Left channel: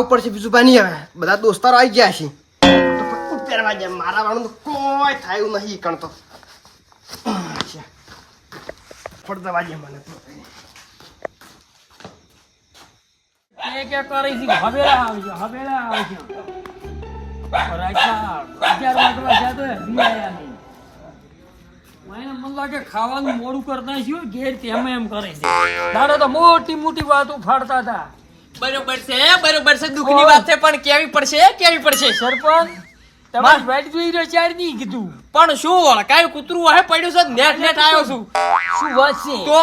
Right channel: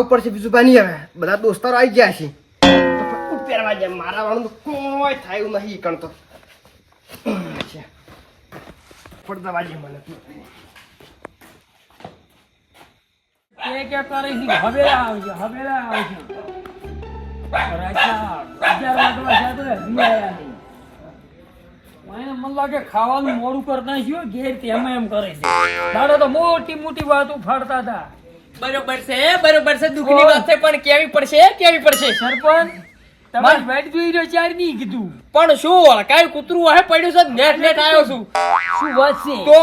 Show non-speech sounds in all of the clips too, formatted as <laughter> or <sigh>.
જાવું પડશે બીજું બાની હવે બધા દોસ્તારો આવી ગયા છે. પહેરવા નહીં આવે આવે નહીં લાગે ખાવાનું મોડું કરતા ઘેર તેમ એમ કરે છે મોટી મોટી વાતો ફાડતા હતા. બરોબર છે બરોબર છે. દુઃખની વાત છે પણ કેવી પડશે કેવી પડશે? સરપંચ તમારે બેટ જોઈ રહ્યો ચાર નહીં કીધું. પણ શું કાંઈ કૂતરું હોય પડ્યું છે નેટ નેટ આવ્યો છું. શું વાત છે? તો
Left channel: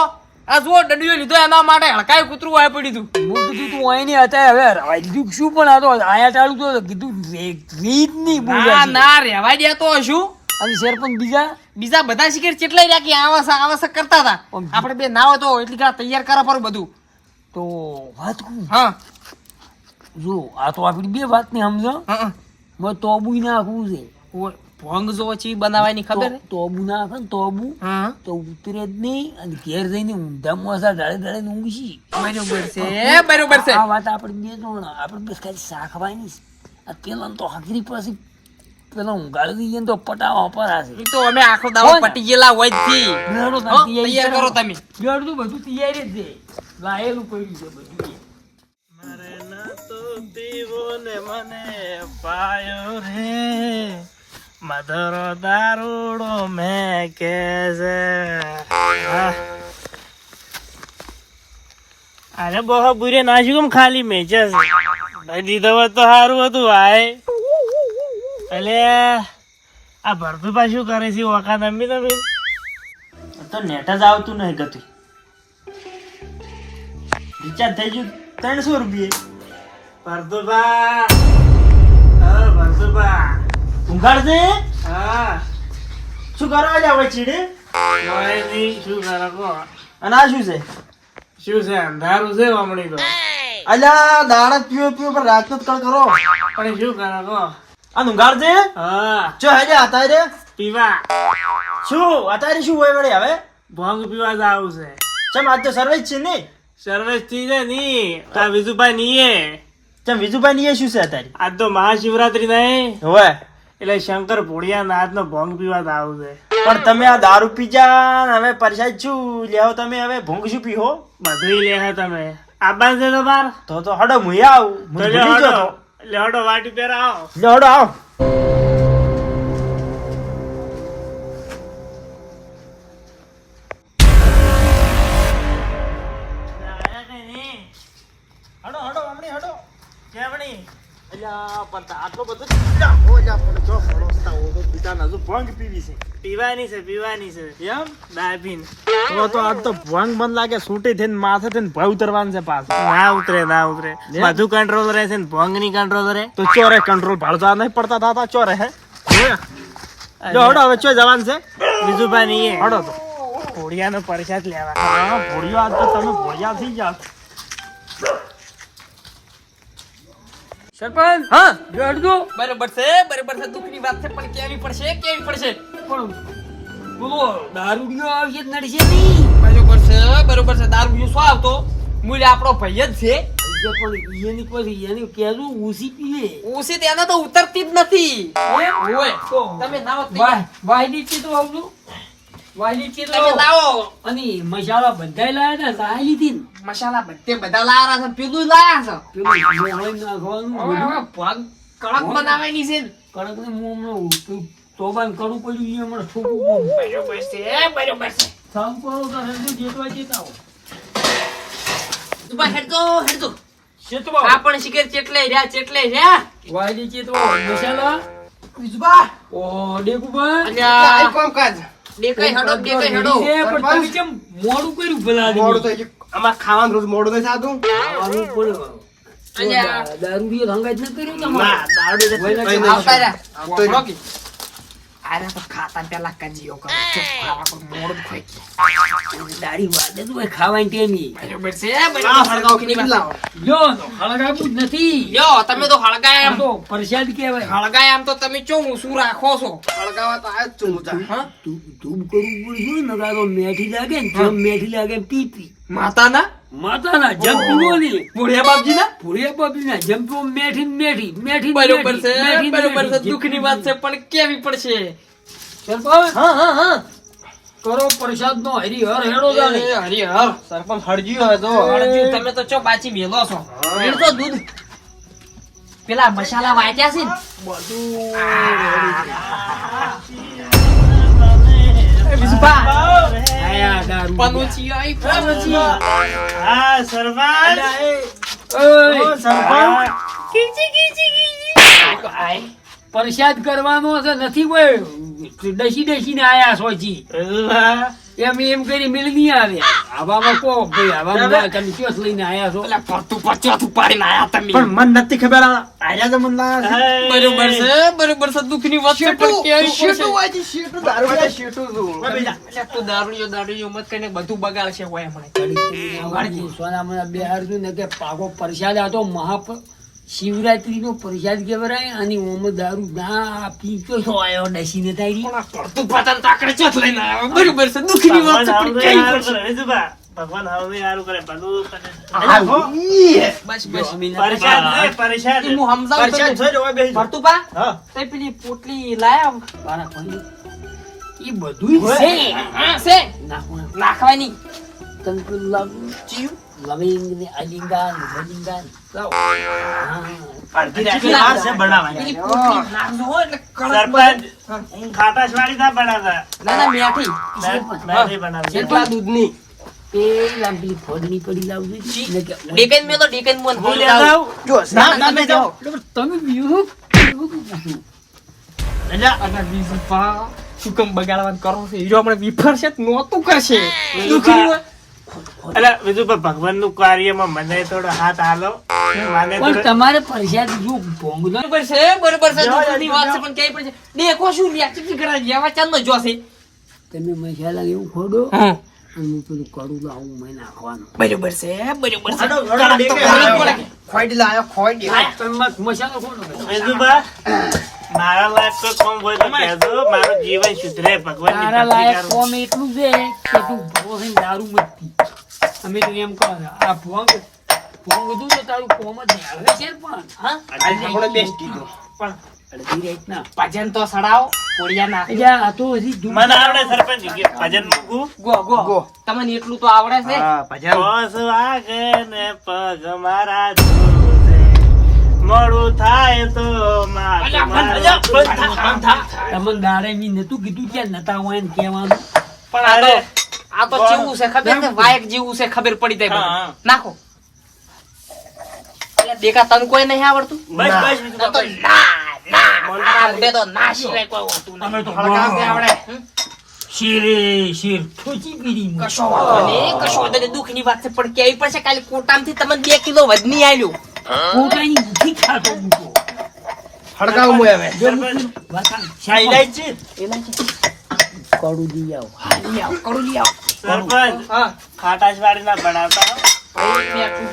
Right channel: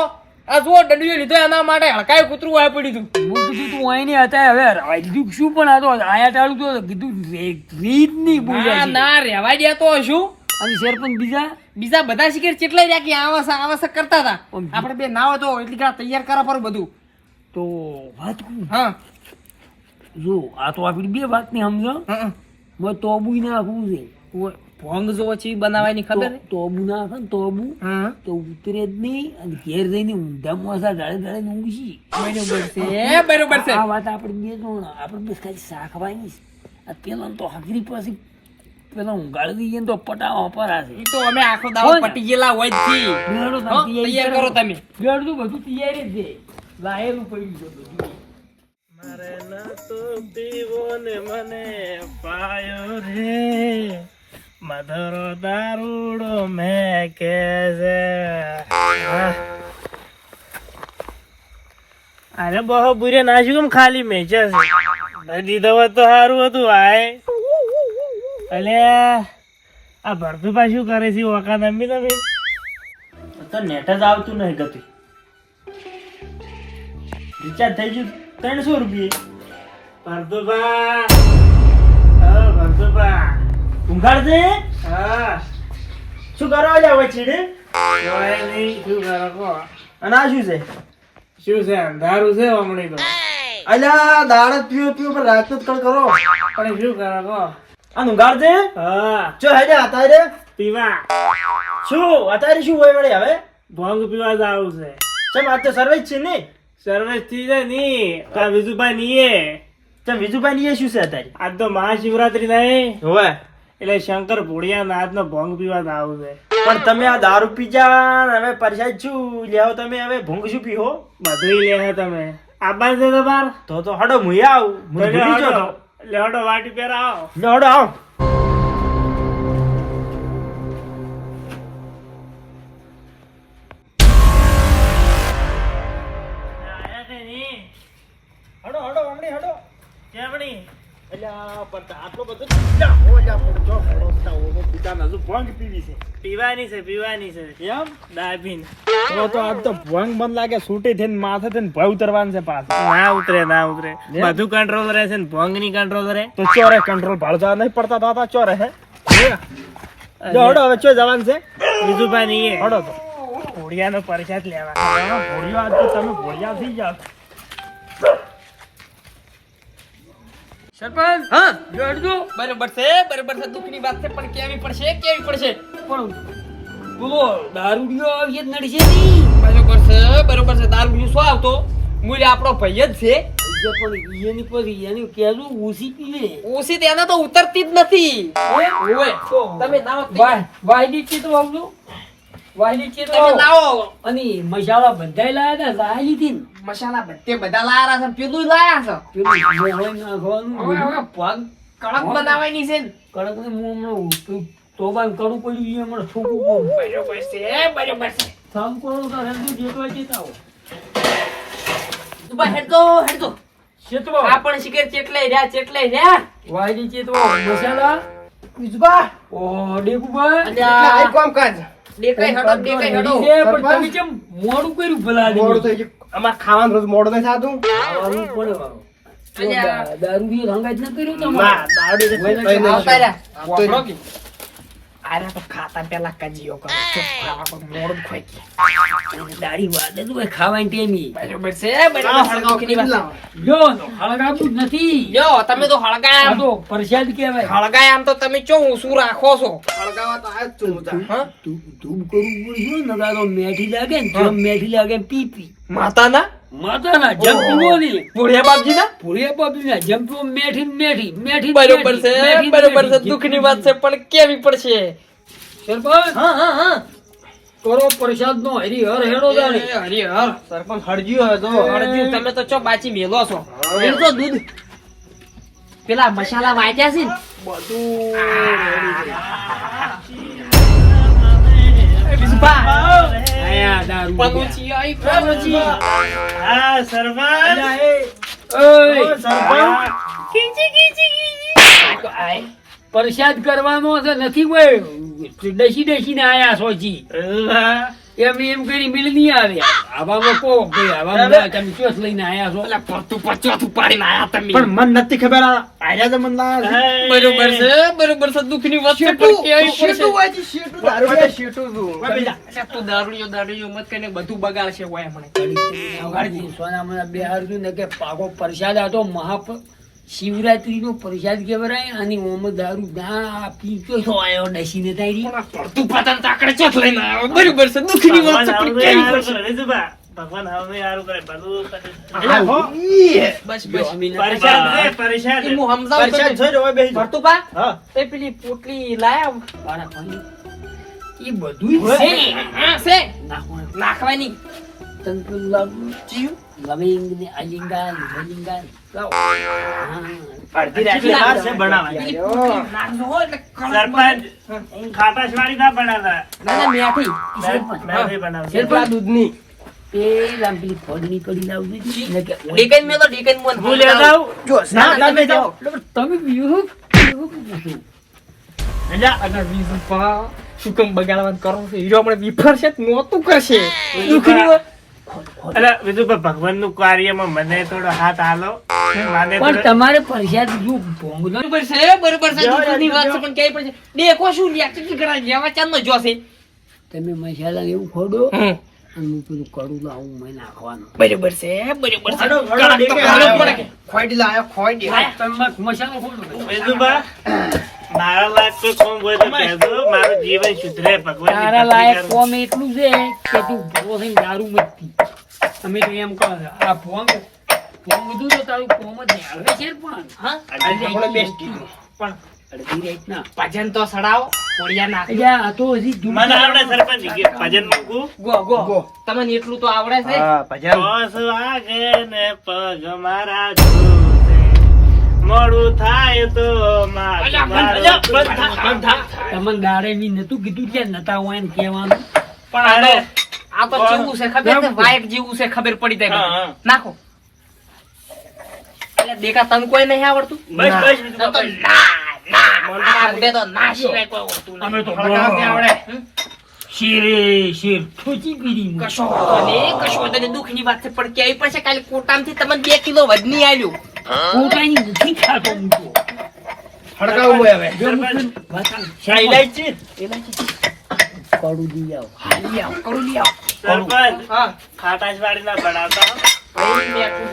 આ જો દંડીઓ લીધો એના માટે હળકાય કૂતરું હોય પડ્યું હતું. હું કીધું તું અહીં નહીં હતા હવે રવાઈ દીધું શું? પણ આ તો આયા ચાલુ તો કીધું રીત નહીં ના ના રહેવા દે તો શું? અને સરપંચ બીજા? બીજા બધા શિકાર ચેટલાય રહ્યા કે આવા આવા કરતા હતા? આપણે બે ના હોય તો એટલી ઘણા તૈયાર કરા પર બધું. તો વાત કહું હા. જો આ તો આપણી બે વાત ને સમજો મેં તોબુ નાખવું છે. ભોંગ જો છે બનાવવાની ખબર તોબુ નાખે ને તોબુ હા તો ઉતરે જ નહીં અને ઘેર જઈને ઊંધા મોસા ડાળે ડાળે ઊંઘી. બરોબર છે બરોબર છે. આ વાત આપણે બે જણ આપણે બે ખાલી શાખવાની છે. આ પેલા તો હાજરી પાસે પેલો ઊંઘાડી દઈએ તો પટાવા પર હશે તો અમે આખો દાવો પટી ગયેલા હોય તૈયાર કરો તમે. બેડું બધું તૈયાર જ છે. લાયેલું પડ્યું છે બધું. મધરો દારૂડો મેં કે છે અરે બહુ બુરે નાખ્યું કેમ ખાલી મેચે છે? ભાઈ દીધો હોત તો સારું હતું, આય. અલે, આ ભરતું પાછું કરે છે વખત નમી તમે તો નેટ જ આવતું નહીં ગતું. રિચાર્જ થઈ ગયું ત્રણસો રૂપિયા. ભરતુભા હા ભરતુભા ઊંઘાડજે હા. શું કરવા જાવ ચીડે શું કરો અને આ શું છે? શું છે અંધારું છે હમણાં તો. અલ્યા દાડા પીવો પીવો પર રાત જ કળ કરો. પણ શું કરો કહો. આ ઊંઘાડજે હા. ચો હેડે આતા રે. પીવા. શું? અત્યારે શું હોય વળે હવે? ભોંગ પીવા જાવ છે. ચમ આજ તો સર્વે જ છે ને? સર્વેશથી છે ની તા વિજુભાઈ નીએ. ચમ વિજુભાઈ ની શું છે અત્યારે? આજ તો મહાશિવરાત્રી નહીં. હવે. એટલે શંકર ભોળિયા નાથ નો ભોંગ પીવા છે. પણ તમે આ દારૂ પીજા હવે પરસાદ શું લેવો તમે હવે ભૂંગ શું પીહો? બધું લે તમે. આબાન છે તો બાર. તો તો હડો મુએ આવું. તો મુએ લ્યો ભૂલી હડો. જાઓ લ્યો હડો વાટી પહેરા આવો તો. લ્યો હડો આવ. અલ્યા પણ આટલો બધો અલ્યા, ઓ અલ્યા, પણ જો ફરોસતા ઓગો પિતાને હજુ ભંગ પીવી છે. પીવાની છે પીવાની છે. એમ? દાબીન. તો તો આજ તો ભંગ બંધ લાગે છૂટી થઈને માથે થઈને ભય ઉતરવાનું છે પાછું. ના ઉતરે ના ઉતરે. બધું કંટ્રોલ રહે છે ને ભોંગની કંટ્રોલ રહે. તો ચોરે કંટ્રોલ ભાડતા નહીં પડતા થતા ચોરે હે? જો હડો હવે ચો જવાનું છે. વિજુભાઈ ની હડો તો. ભોળિયા નો પરસાદ લેવા. ભોળિયો આજ તો તમે ભોળિયા થઈ જાવ સરપંચ હા? બેડું બરાબર છે બરાબર છે દુઃખની વાત છે પણ કેવી પડશે કેવી પડશે? પણ બોલો દારૂડિયો આવીએ જ નડશે નહીં પાછો કરશે બરાબર છે દારૂ બીજું શું આવતો? મૂલ્ય આપણો ભાઈ જ છે. પણ એની પછી એની કહેલું ઓછી પીએ ઓછી તેના તો ઉતરતી જ નથી. ઓય તમે નાવો વાય વાયલી ચિત્રો આવજો વાયલી અને મસાલા બધાય લાયા હતા લાયા લીધી ને. મસાલા બધે બધા લાયા છે પેલું લાયા છે. પેલું નાખવાનું હવે બધું. કડક બનાવવાની છે કડક ને હું હમણાં તોબાન કડું પડ્યું છે હમણાં છોકું બરોબર છે બરોબર છે. કામ કરો તો હેડું જેટવા જતા આવો. તું હેડજો હેડજો. ચેતવો. આ પણ ચેટલે રહ્યા ચેટલે રહ્યા વાયલી ચેતવો. મસાલા. વિજુબા ઓ ડેકુબા અલ્યા આ કામ કાજ દેખાય હેડો દેખાય હેડો. છે, પણ તમે કેમ મોડું કર્યું ભલા મોડું તો હજી અમાર ખાવાનું રોજ મોડું નહીં થાતું. ખાવાનું પડે બાબુ. તો અલ્યા. દા- દારૂડિયો હંગાત ન કર્યું તમારે? દારૂ આવતા રહ્યા. આર્યા તો ખાતા પેલા કજીઓ કરો. ખાવા પર મોડ ખોઈ. દાઢી વાદે તો ભાઈ ખાવાની ટેમી. બરોબર છે. લ્યો તો હળગાવું જ નથી. યો તમે તો હળગાય આમ. તો પ્રસાદ કહેવાય. હળગાય આમ તો તમે ચો શું રાખો છો? હળગાવા તો આ જ છું હું? હા ધૂપ ધૂપ કરવું પડશે ને તો મેઠી લાગે ને જો મેઠી લાગે પી પી માતાના? માતાના જંપીઓ ની ભોળિયા બાપજીના? ભૂરિયા બાપીના જંપીઓ મેઠી મેઠી મેઠી બરોબર છે બરોબર છે. દુઃખની વાત છે પણ કેવી પડશે? સરપંચ હા હા હા. કરો પ્રસાદ નો હરી હર હેડો જાણે હરિહર. સરપંચ હળજી હોય તો હળજી તમે તો ચો બાચી મેલો છો. તો દૂધ. પેલા મસાલા વાંચ્યા છે ને? આયા દારૂ પનુચી આઈ પનુચી ઓય, પ્રસાદ કરવાનો છે નથી કોઈ. ડસી ડસી ને આયા સોચી એમ એમ કરી મિલ નહીં આવે. આવામાં કો ભાઈ આવામાં તમે ચોથ લઈને આયા છો? પેલા ફરતું પર ચોથું પાડીને આયા તમે પણ મન નથી ખબર આ તો મન બરોબર છે બરોબર છે દુઃખની વાત છે પણ કેવી પડશે શેટું હોય છે, શેટું દારૂ પીતા શેટું છું. અલ્યા તું દારૂડિયો દારૂડિયો મત કરીને બધું બગાડશે હોય મને બે હાર ને કે પાકો પરસાદ હતો તો મહા શિવરાત્રી નો પ્રસાદ કેવરાય અને ઓમ દારૂ ના પીતો તો આયો ડસીને તારી તું પતન તાકડે ચોથ લઈને આવ્યો બરોબર છે દુખની વાત છે પણ કેવી પડશે વિજુભા ભગવાન હવે યાર કરે બધું. બસ બસ એ છે. હું સમજાવું પરેશાન તને. છો ને, ઓય ભરતું પા હા. તે પેલી પોટલી લાયા. ઈ બધું છે હા છે નાખવાનું. નાખવાની તંકુ લાવું. લવિંગ ને અલિંગા. હા. અડધી રાત્રે વાર છે બનાવવાની. સરપંચ. ના બનાવતા. ના બનાવતા. દૂધની. તમે કરો છો? હીરો આપણે વિફરશે તો નહોતું કરશે. દુઃખની અલ્યા, વિજુભા, કાર્યમાં મને થોડો હાથ હાલો પણ તમારે પ્રસાદ જો છે બરોબર છે દુઃખની વાત છે પણ ક્યાંય પડશે દેખો શું લ્યા કરા જેવા ચાંદનો જોશે. તમે મસાલા એવું ખોડો હું પેલું કરું તો આવું મેં નાખવાનું. બરોબર છે બરોબર છે. લાયો, મસાલો ખોડો. મારા લાયક કોઈ કોમ હોય તો કહેજો. મારું જીવન સુધરે ભગવાનની તારા લાયક કોમ એટલું છે કે તું ભૂવો થઈને દારૂ મત પી અમે તો એમ કહો આ ભોંગ ભોંગ કીધું તો તારું કોમ જ આવે છે પણ હા આપણે બેસ્ટ કીધું. પણ અડધી રાતના ભજન તો સડાવો કોડિયા ના યા તો હજી મને આવડે સરપંચ ભજન મૂકું ગો ગો ગો. તમને એટલું તો આવડે છે હા, ભજન. ઓસ વાગે ને પગ મારા. મોડું થાય તો થા, થા. તમને દાડે નતું કીધું નતા હોય ને કહેવાનું પણ આ તો જેવું છે ખબર છે વાયક જેવું છે ખબર પડી જાય હા, બધું. હા. નાખો દેખા તને કોઈ નહીં આવડતું બસ બસ તો વિજુભા, તો બસ. ના ના તો ના સિવાય કોઈ હોતું અમે તો આવડે હમ? શેરે શેર પીડી કશો કશો વાંધો નહીં. વાત છે પણ કેવી પડશે કાલે કોટામથી તમને બે કિલો વધની પોતાની મુઠ્ઠી ખાતો મૂકો હડકાવ મોય હવે. ઇલાયચી? કડું દી આવ હાલી આવ કડું લઈ આવ સરપંચ, હા. ખાટાશવાડી ના બનાવતા હો.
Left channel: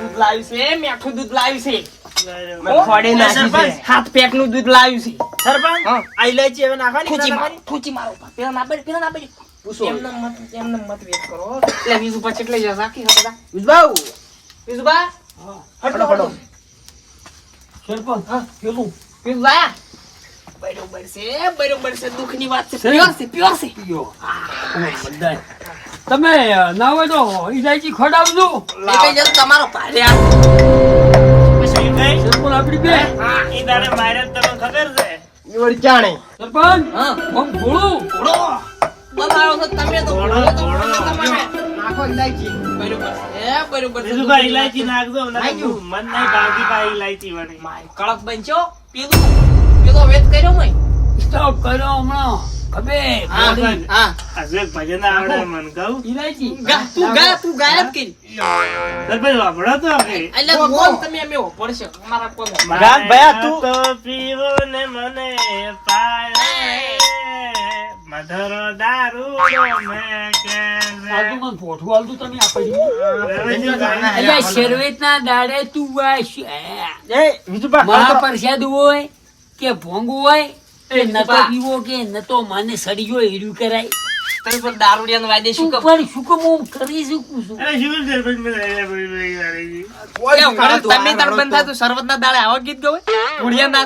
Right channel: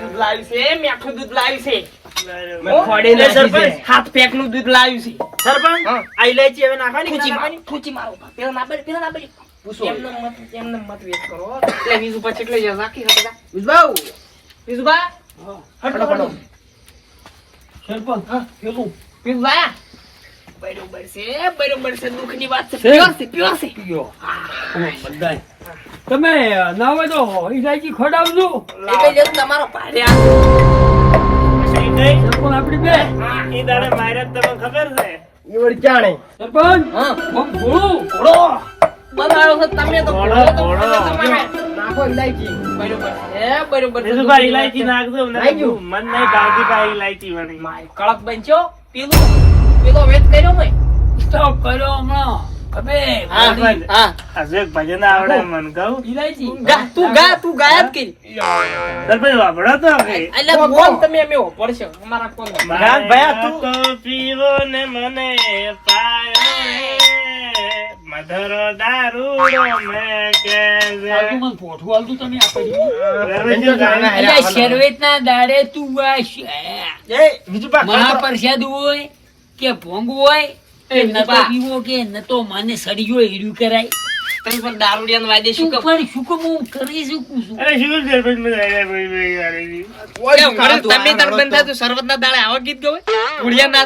દૂધ લાવ્યું છે મીઠું દૂધ છે સરપંચ, છે હવે નાખવાની. સરપંચ હા પેલું બીજુબા, બરોબર છે બરોબર છે દુઃખની વાત છે? પ્યોર છે પ્યોર છે પીઓ બધાય તમે ના હોય તો ઈલાયચી ખવડાવજો એ કઈ જતું તમારો ભારે આ? સરપંચ આપડી બે હા. ઈ દાડે મારે તમને ખબર છે ઈ જાણે. સરપંચ હા. આમ ભોળું ઘોડો. બનાવ્યો છે તમે તો ઘોડો, ઘોડો તો. નાખો ઇલાયચી. બરોબર. છે બરોબર ઇલાયચી નાખજો મન નહીં ભાવતી પા ઇલાયચી વાળી. કડક બનશો પેલું પેલો વેચ કર્યો મેં. સ્ટોપ કર્યો હમણાં. ખબે હા હા. હજુ એક ભજન આવડે મને કહું. તું ગા તું ગાયબ કરી. વાપરો તો આપણે એટલે બોલ તમે અમે પડશે. અમારા કોને ભયા તું- પીવો ને મને પાયો. મધુરો દારૂ મેં કે હાલતું મને પોઠું હાલતું તમે આપી દીધું. છે. જાણે. અલ્યા શેરવેટના દાડે તું આ એ વિજુભા, મહાપ્રસાદ હોય કે ભોંગ હોય એ નતો પીવો કે નતો મને સડીયો કરાય. તમે પણ દારૂડિયાનો વાયદે શું કહો શું કામ હું કરી શકું છું? અરે શું સરપંચ ભાઈ ભાઈ યાર. કેમ, તમે તાર બંધ થાય તો શરબતના દાડે આવા ગીત ગવે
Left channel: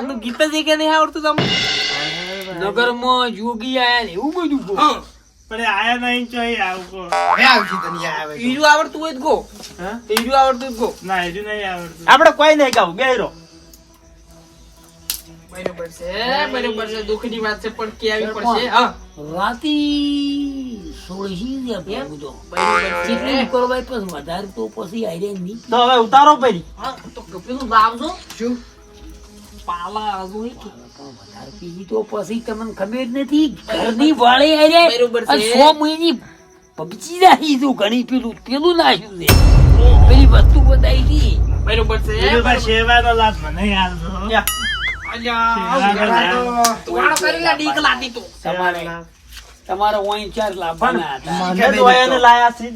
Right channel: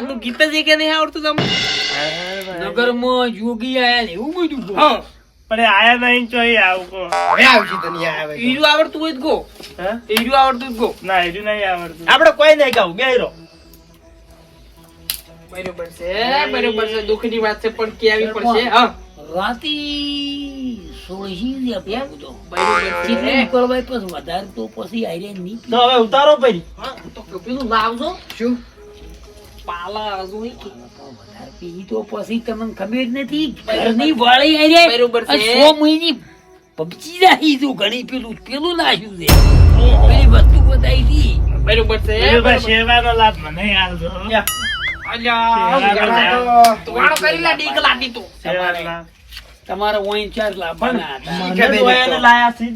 નું ગીત જ કે નહીં આવડતું તમને? નગરમાં જોગી આયા એવું બધું બોલ. પણ આયા નહીં ચોઈ આવું કો હવે આવશે તને યાર હવે આવડતું હોય તો ગો. હા? ઈર્યું આવડતું ગો. ના હજુ નહીં આવડતું. આપણે કોઈ નહીં કહું બેરો બરોબર છે બરોબર છે દુઃખની વાત છે પણ કેવી પડશે? હા. રાતે સોળસી તો બરોબર કરવાય પછી વધારે તો પછી નહીં. તો હવે ઉતારો પડી હા, તો પેલું લાવજો શું? પાલા હજુ કે. વધારે તો પછી તમને ખબર નથી ઘરની વાળી આરે બરોબર છે. સો મહિની પબજી નાખી તું ઘણી પેલું પેલું નાખ્યું છે પેલી વસ્તુ બતાવી હતી બરોબર છે બરોબર. સેવાનો લાભ મને યાર લાભ. લાભ. તમારે વોઈન ચાર તો. લાયા છે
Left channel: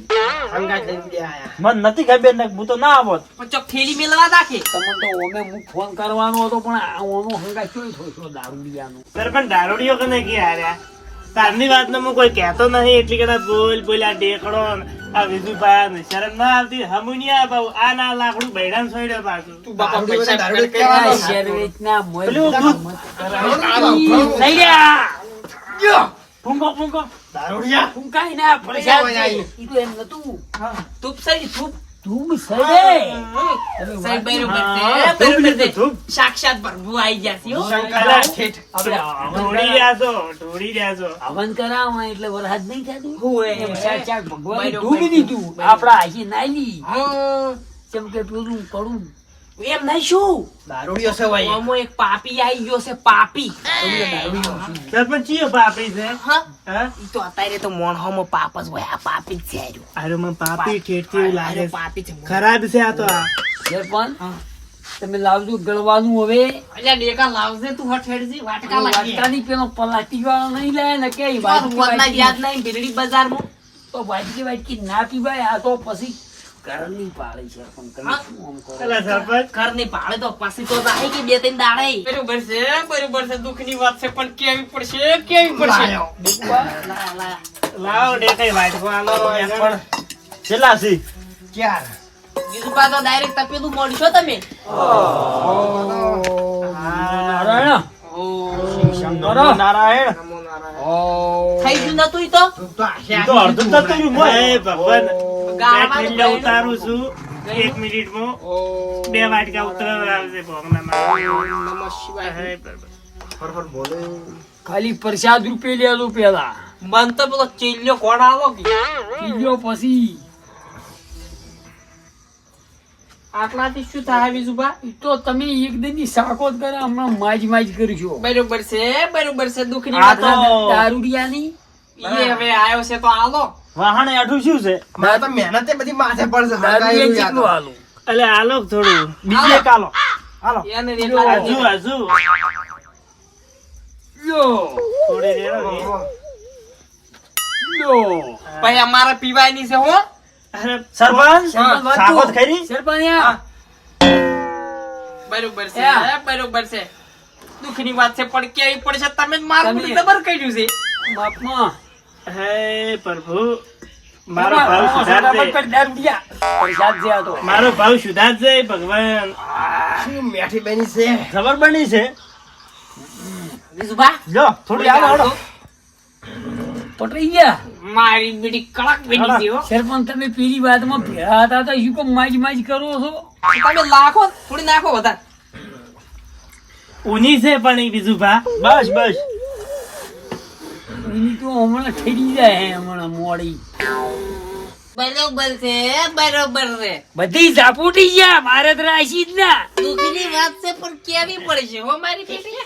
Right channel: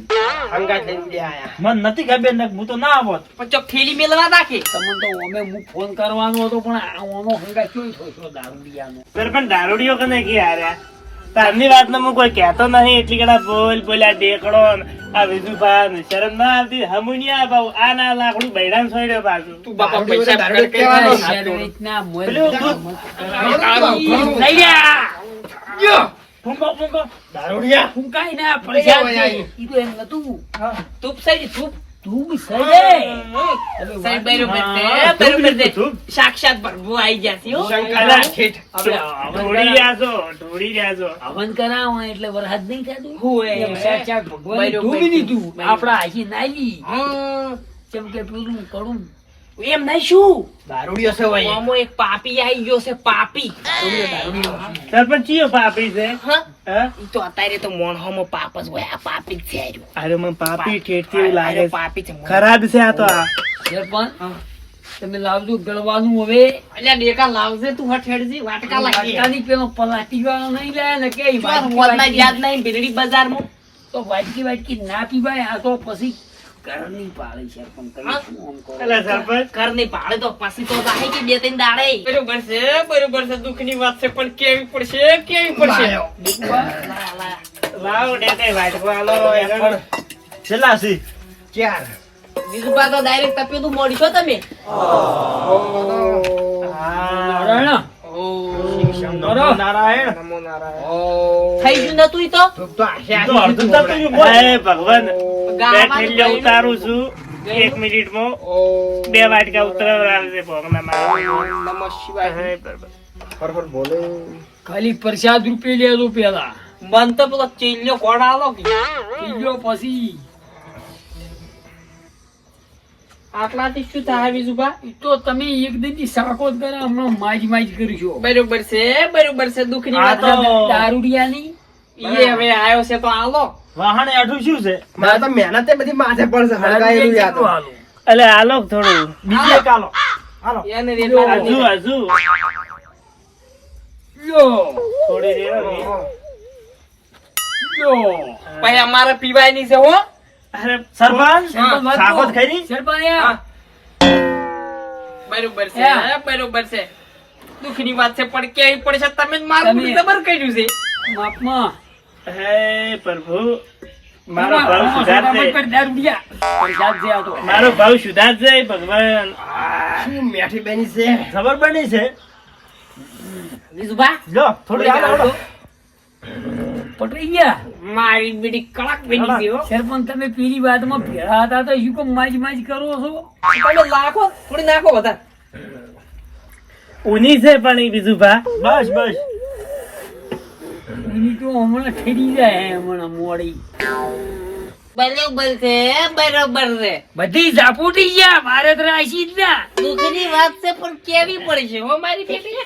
હંગાત લઈને બે આયા. મને નથી ખબર ને હું તો ના આવત પણ ચોક થેલી મેલવા નાખી. તમને તો ઓમે હું ફોન કરવાનો હતો પણ આ ઓનો હંગા ચોઈ થયો છો દારૂડિયાનો? પણ દારૂડિયો કને કે હાર્યા તારની વાત નો હું કોઈ કહેતો નહીં એટલી કડા બોલ બોલ આ ડેકડો આ વિજુભા શરમ ના આવતી હમુનિયા બાઉ આ ના લાકડું બૈડાને છોડ્યો પાછું. તું બાપા પૈસા બધા કેવાનો? શેરવેચના મોય લઈ જા. ફૂંકો ફૂંકો દારૂડિયા. ફૂંકાઈ ને ઓય, ઈ તો એમ નતું. તું સહી તું સહી. સાક્ષાત પ્રભુ આઈ ગયા છે. ઢોળી રહ્યા છો ઢોળી રહ્યા છો. હવન કરાવો એટલે વરસાદ નહીં થતું હોવે. સાક્ષાત ભગવાને બરોબર. દીધું. આપડા હાથી નાલી. કેમ કે પેલું પડું એમ નહીં શું દારૂડિયો છે ભાઈ. આમાં એક પાપી આઈ ગયો છે પાપી. સરપંચ ચિયો પાપી છે? હા. ઈ તો અત્યારે તો મોણહોમાં પાપ જ હોય. આ પાપી જ છે આર્યો. અરે મને પાપી ઠેઠથી એવું લાગે પાપી છે ખરાબ છે આ તો આ. સરપંચ તમે લાવજો ગળવાનું હવે. અલ્યા ડેકા લાવજે તું હઠેડજી વાટકા લાગી વાટકાની પેલો પલાટી વાળો નહીં લે ને કે વાટકી વાટકી. યાદ નહીં ભીલડી બજારમાં. તો વાટકી વાટકી ના પીવાય આ તો પછી ઘરની પાળી છે પણ તમે શું આમ કરો? એટલે સરપંચ. ઘરની ભાડે તો પછી તો રાહે કે બે ત્રણ દાડે. બરોબર છે બરોબર છે દુઃખની વાત છે પણ કેવી પડશે કેવી પડશે. વાટકો આલો પણ છેલ્લા ચાર. બીજું તો ડાયરેક્ટ તપેલું મોડશો તમે. નારાયણ. નમો નારાયણ. થઈ ગયું નતું ઈ તો? ભગવાન. ગયડું. ઉતારું છું. એક મિનિટમાં. બે વાટકા ઉતરાવડાવશે ભોગનામાં. નમઃ શિવાય. ફરફર બોલે. ખાલી પ્રસાદ રૂપે લેજો પેલા. મન તો પેલો ચેલ્યો કોણ કે. પીજો પછી. આટલાથી શું થાય બીજું તો તમે એક દિનની સાકો કરે હમણાં માજ માજ કરજો બરોબર છે બરોબર છે દુઃખની વાત દારૂડિયા ની ઈ હવે આવ્યો છે તો આલો વાહણ આઠું શું છે? મારે તો મહેનત બધી માથે પડશે હળગાયેલું યાદ એટલે આલો થોડું. બીજે કાલો એને રેલા હજુ હજુ લ્યો, થોડી રેડો ને. છે હો. અરે સરપંચ? સરપંચ વાત સાખો જ તો. ખરી સરપંચ. બરોબર છે હા. બરોબર છે દુઃખની વાત છે પણ કેવી પડશે? તમે મારું ખબર કર્યું છે. માપમાં. હે પ્રભુ. મારો ભાવ સુધારજે. મારો ભાવ સુધારજે ભગવાન. શું મેઠી બેની છે? ખબર બની છે? જો થોડી થોડી આવો. પટરી ગયા મારી બીડી કડક બની છે સરપંચ તમે પેલી વાતમાં ભેળા હતા તો શું કેમ માજ માજ કરો છો. તમે લાખો થોડી નાખો વધારે. ઊની છે પણ બીજું ભા. બસ બસ. એની તો હમણાં ઠરી જાય હમણાં મોડી. બરોબર છે બરોબર છે. બધી ઝાપુટી ગયા મારે તો રાશી જ ના. દુઃખની વાત છે પણ કેવી પડશે હો મારી બેટી?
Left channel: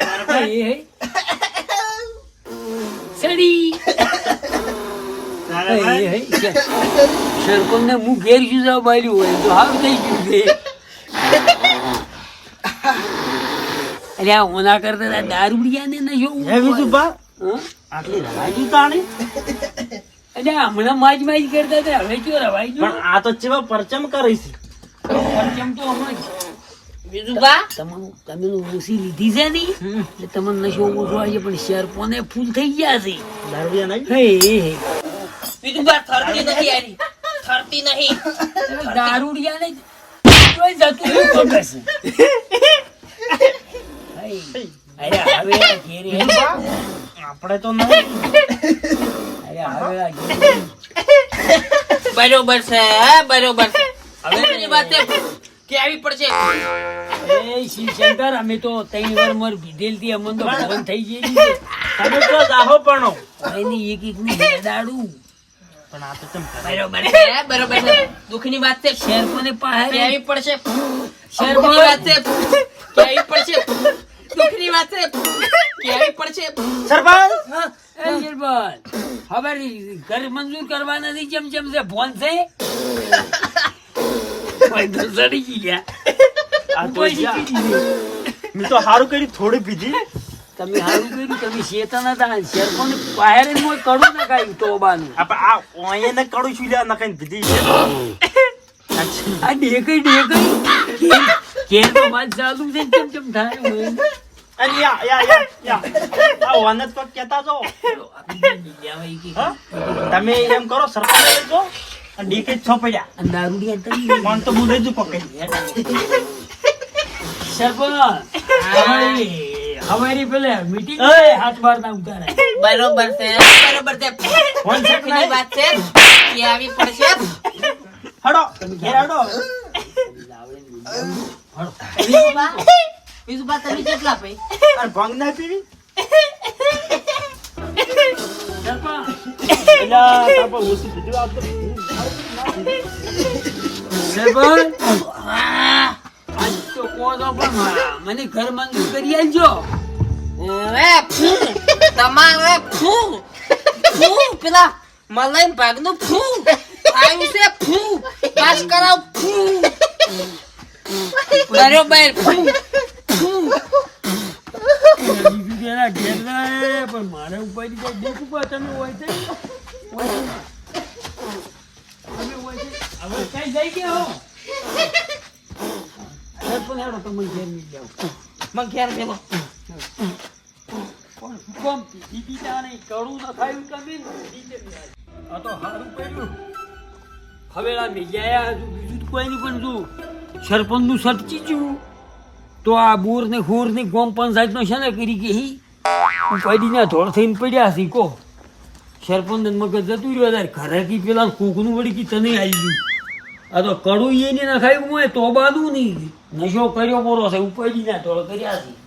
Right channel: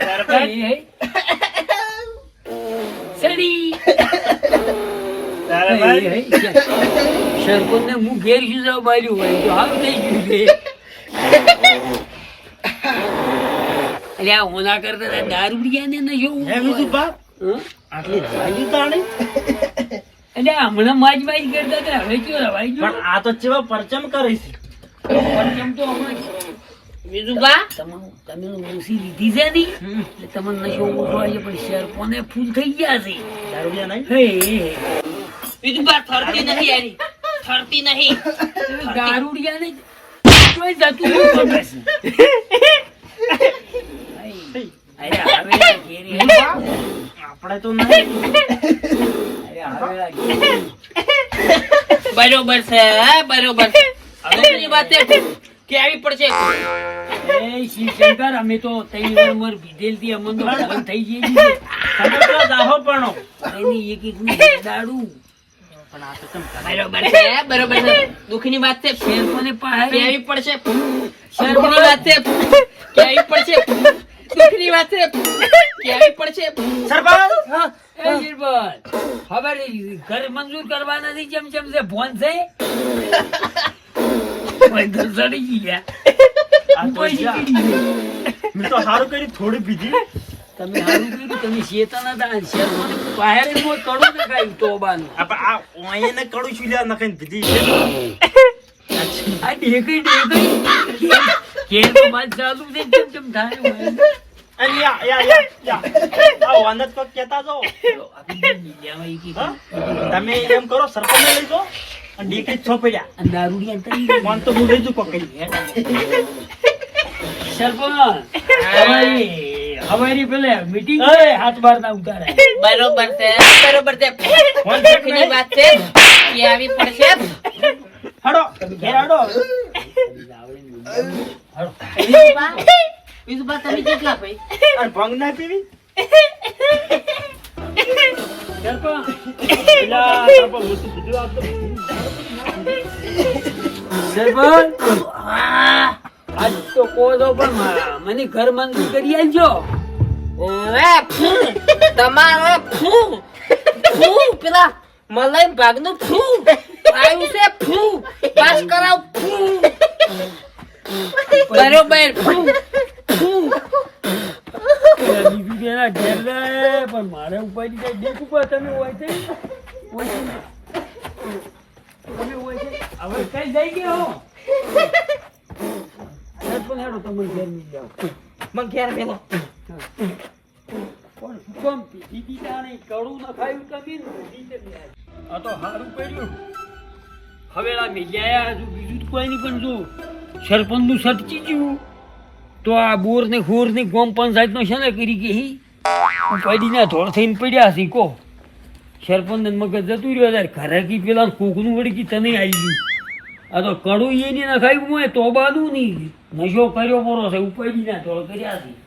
સરપંચ એ, એ. <laughs> સડી એ. સરપંચને હું ઘેર શું જવા બાર્યું હોય? તો હાવ થઈ ગયું છે. અરે આ ઓના કરતા દારૂડિયા ને નશો હે બીજું બા હં? આટલી રવાઈ તાણી? અરે હમણાં માજ માજ કરતા હતા. હવે ક્યાં રવાઈ પણ આ તો ચેવા પરચમ કરે છે. કેમ તો હમણાં બીજું બા? તમારું તમે ઓછી લીધી છે ની? એટલે તમને નશો ઓછો આવી પણ શેર કોને ફૂલ થઈ ગયા છે. દારૂડિયા નહીં હે હે. બીજું બા થરતી નહીં આની થરતી નહીં. દારૂડિયા ને કોઈ જતું નહીં છે. આપણે તો નહીં અરે હવે આ બરોબર છે બરોબર છે. હવે એની કેવી પડશે. એ શિવશંકર અમે તો ત્રણ વાર મોર પીધેલથી અમને તો ભગવાન થઈ ગયેલી તમે તો જાહો પણ. એની એક એક ની દાડું પણ આ તો ચમ બરોબર છે બરોબર છે. દુઃખની વાત છે. શેર મને પાસે કેવી પડશે દુઃખની વાત છે. કેવી પડશે દુઃખની વાત છે. કેવી પડશે સરપંચ! હા, એ નિર્બલ હવે ઘર મંજૂર કરવા નથી કેમ કેમ છે ફોન છે. ગયા. મેં તો સારું કરી થોડી પીધી. તમે હારું કર્યું તમે શેતા નતા શેરપણ બહાર હું કડું ને કાંઈ તોબાની આપણે આ ઓયાને કડું છું? લ્યા નખાઈને દીધી આ ઢેકઈ કેર તો વાત ચાલુ છે કેમ કેમ થાય અરે યા યા યા યા. આ ઓને તો કહેતા જો ચલો, આપણે બીજા એક એક હા? તમે એમ કરો સરપંચ લઈ દીકરી છો અને દારૂડિયા ગયા. પણ તો હું પકડી સરપંચ પેલે મીટિંગ એ હાથ બાર ના ઉતારાય બરોબર છે બરોબર છે. દુઃખની વાત છે. કેવી પડશે. હડો ઘેર હડો. વિશુભા વિશુભા તમે કેટલા ભાઈ? અને ભંગ ના પીવી ઘર મંજૂર કરી આલજો ઓવે ફૂ તમારે ફૂ ફૂ પેલા મલાઈ ભાગનું ફૂ આવ્યું છે ફૂ પાસ કરાવ ફૂ બરોબર બીજું તેના ઘેર જાય હવે કઈ જઈ ગયા પણ તો બીજું કોઈ નહીં પણ જો સરપંચનું સટચી ગયું તો આ બોર ને ખોરની પંચાયત નો છે ને કરી કે પડીને ધોળ થઈને પડ્યા છે, કો. સરપંચ મગજ જતું રહ્યો તારે ઘરે કી પેલા કોકનું વળી કી તને આવી ગયું. આ તો કડું એ ના ખાઈ હું તો બાદું નહીં. નશો કર્યો મોરો છે, ઉપાડીને ધોળ કર્યા છે.